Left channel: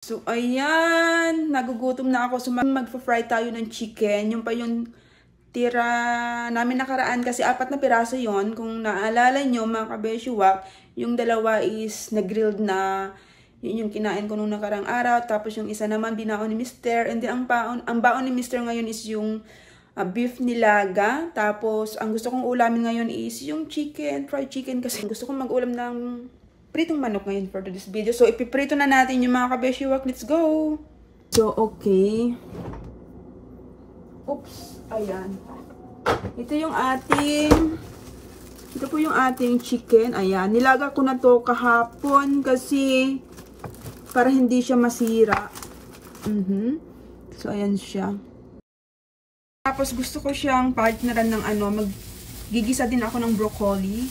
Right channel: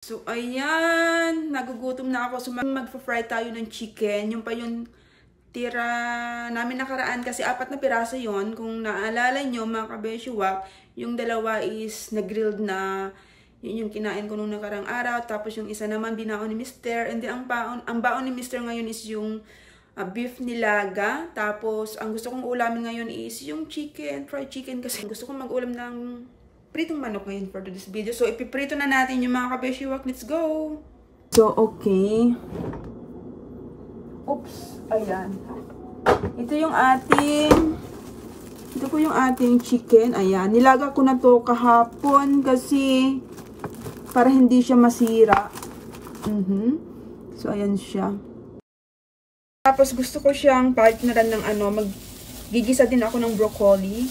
So, ayan. Nagugutom na ako. So, magpa-fry tayo ng chicken. Yung pa yung tira namin nakaraan kasi 4 na piraso yon. Kung naalala nyo, mga kabeshiwak, yung dalawa is na-grilled na. Yun yung kinain ko nung nakarang araw. Tapos yung isa naman, binaon ni Mr. And then, ang baon ni Mr. ngayon is yung beef nilaga. Tapos, ang gusto kong ulamin ngayon is yung chicken, fried chicken. Kasi gusto kong mag-ulam ng pritong manok ngayon for this video. So, ipiprito na natin yung mga kabeshiwak. Let's go! So, okay. Oops. Ayan. Ito po yung ating chicken. Ayan. Nilaga ko na to kahapon kasi para hindi siya masira. So, ayan siya. Tapos, gusto ko siyang partneran ng maggigisa din ako ng broccoli.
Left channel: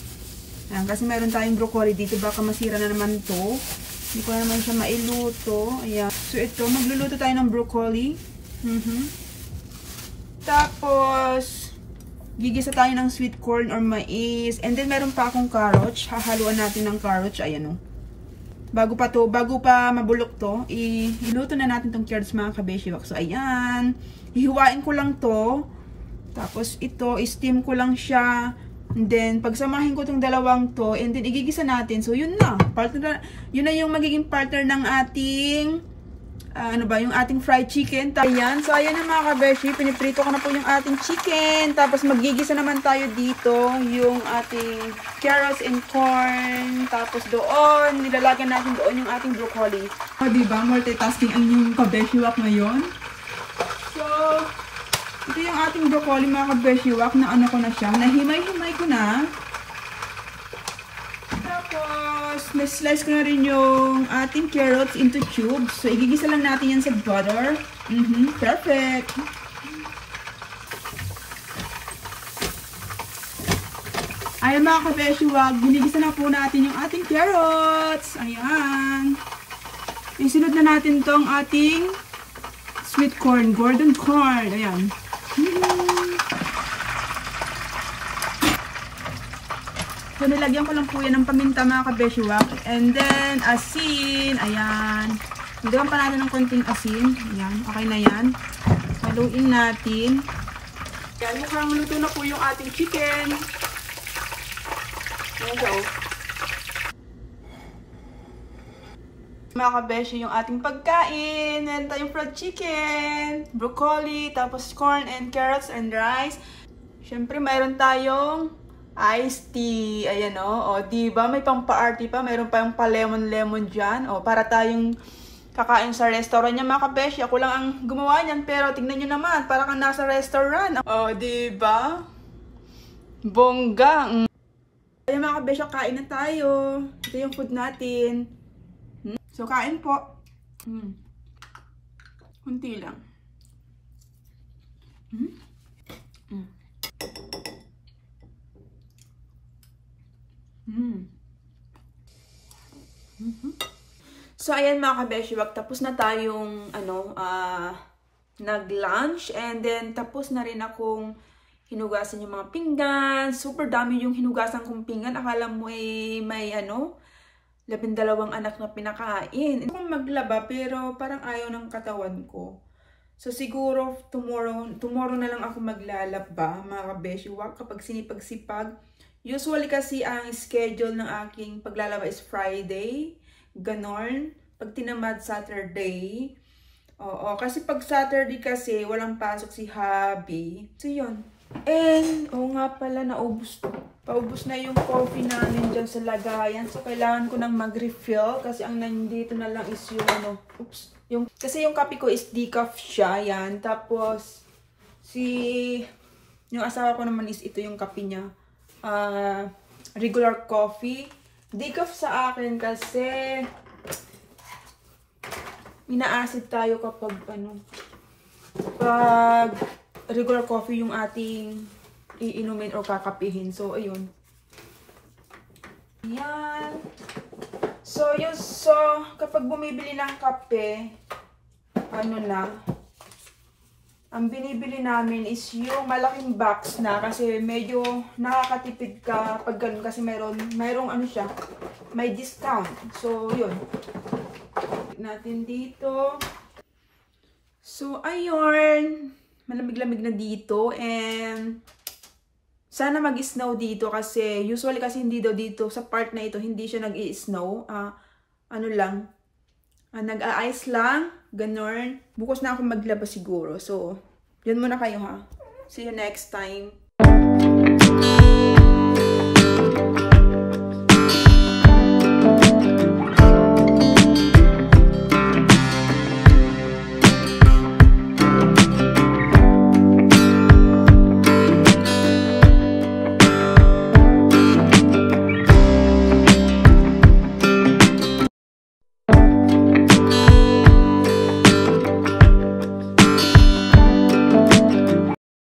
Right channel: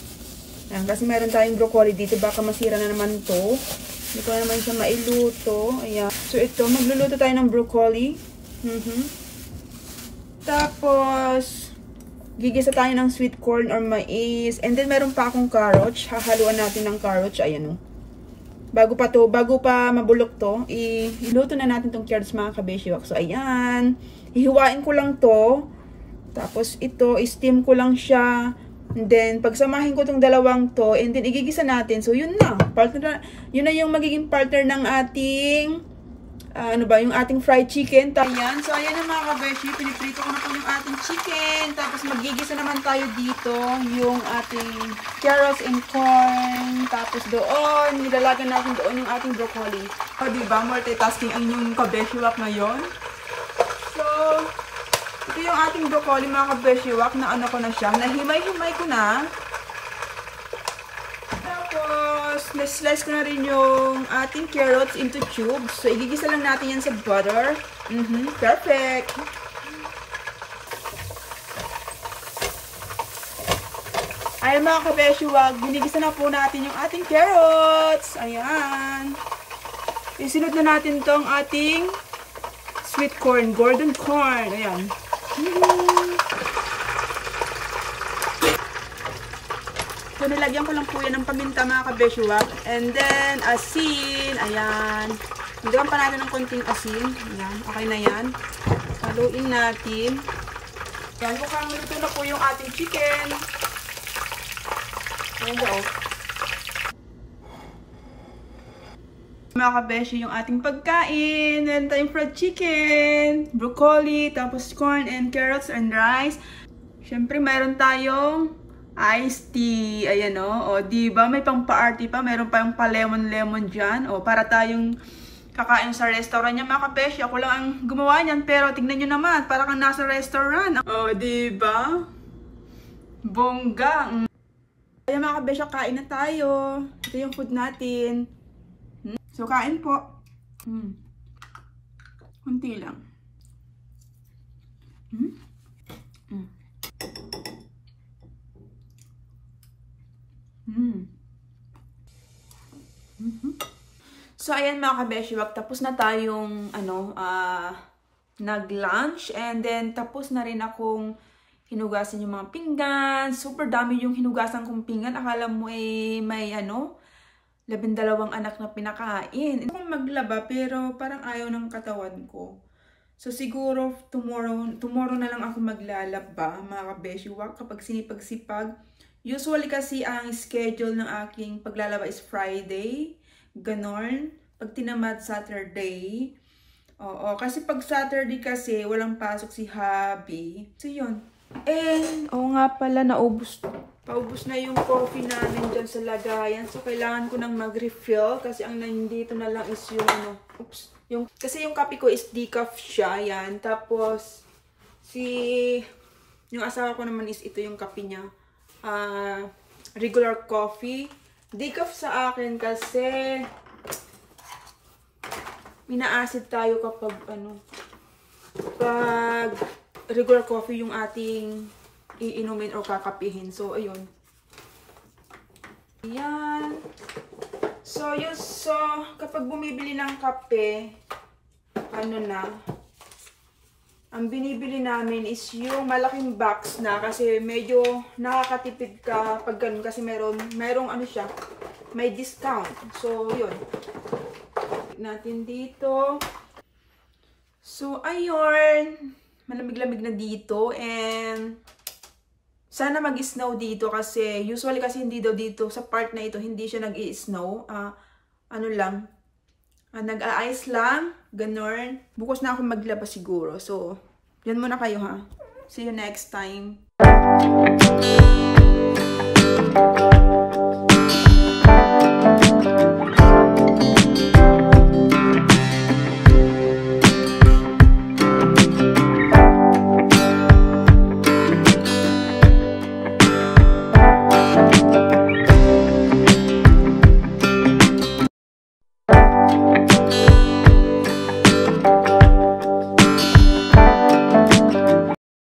Ayan, kasi meron tayong broccoli dito. Baka masira na naman to. Hindi ko naman siya mailuto. Ayan. So, ito. Magluluto tayo ng broccoli. Tapos, gigisa tayo ng sweet corn or mais. And then, meron pa akong carrots. Hahaluan natin ng carrots. Ayan o. Bago pa mabulok to, iluto na natin tong carrots mga kabeshiwak. So, ayan. Hihiwain ko lang to. Tapos, ito, steam ko lang siya. And then, pagsamahin ko tong dalawang to, and then, igigisa natin. So, yun na. Yun na yung magiging partner ng ating, yung ating fried chicken. Ayan. So, ayan na mga kabeshi. Piniprito ko na po yung ating chicken. Tapos, magigisa naman tayo dito yung ating carrots and corn. Tapos, doon, nilalagyan natin doon yung ating broccoli. O, diba? Multitasking ang inyong kabeshiwak ngayon. So, ito yung ating broccoli mga kabeshiwak na ko na siya. Nahimay-himay ko na. Tapos, na-slice ko na rin yung ating carrots into cubes. So, igigisa lang natin yan sa butter. Perfect. Ayan mga kabeshiwak, ginigisa na po natin yung ating carrots. Ayan. Isunod na natin tong ating sweet corn, golden corn. Ayan. So, nilagyan ko lang po yan ng paminta mga kabeshiwak. And then, asin. Ayan. Nilagyan pa natin ng konting asin. Ayan. Okay na yan. Haluin natin. Ayan. Mukhang luto na po yung ating chicken. Ayan po. Mga kabeshi, yung ating pagkain. Meron tayong fried chicken, broccoli, tapos corn and carrots and rice. Siyempre, meron tayong iced tea. Ayan o. O, diba? May pang pa-arty pa. Meron pa yung pa-lemon-lemon dyan. O, para tayong kakain sa restaurant niya, mga kabeshi. Ako lang ang gumawa niyan. Pero, tingnan nyo naman. Para kang nasa restaurant. O, diba? Bongga. Ayan, mga kabeshi, kain na tayo. Ito yung food natin. So, kain po. Kunti lang. So, ayan mga kabeshiwak, tapos na tayong, nag-lunch. And then, tapos na rin akong hinugasan yung mga pinggan. Super dami yung hinugasan kong pinggan. Akala mo may 12 anak na pinakain. Hindi ko maglaba pero parang ayaw ng katawan ko. So siguro tomorrow na lang ako maglalaba mga kabeshiwak kapag sinipag-sipag. Usually kasi ang schedule ng aking paglalaba is Friday. Ganon. Pag tinamad Saturday. Oo, kasi pag Saturday kasi walang pasok si hubby. So yun. And, nga pala, naubos to. Paubos na yung coffee namin dyan sa lagayan. So, kailangan ko nang mag-refill. Kasi ang nandito na lang is yung kasi yung kape ko is decaf siya. Yan. Tapos, yung asawa ko naman is ito yung kape niya. Regular coffee. Decaf sa akin kasi ina-acid tayo kapag pag regular coffee yung ating iinumin o kakapihin. So, ayun. Ayan. So, yun. So, kapag bumibili ng kape, Ang binibili namin is yung malaking box na kasi medyo nakakatipid ka pag ganun kasi merong ano siya, may discount. So, yun. Natin dito. So, ayun. Malamig-lamig na dito and sana mag-snow dito kasi usually kasi hindi daw dito sa part na ito hindi siya nag-i-snow. Ano lang, nag-a-ice lang, ganun. Bukas na ako maglaba siguro. So, yan muna kayo ha. See you next time.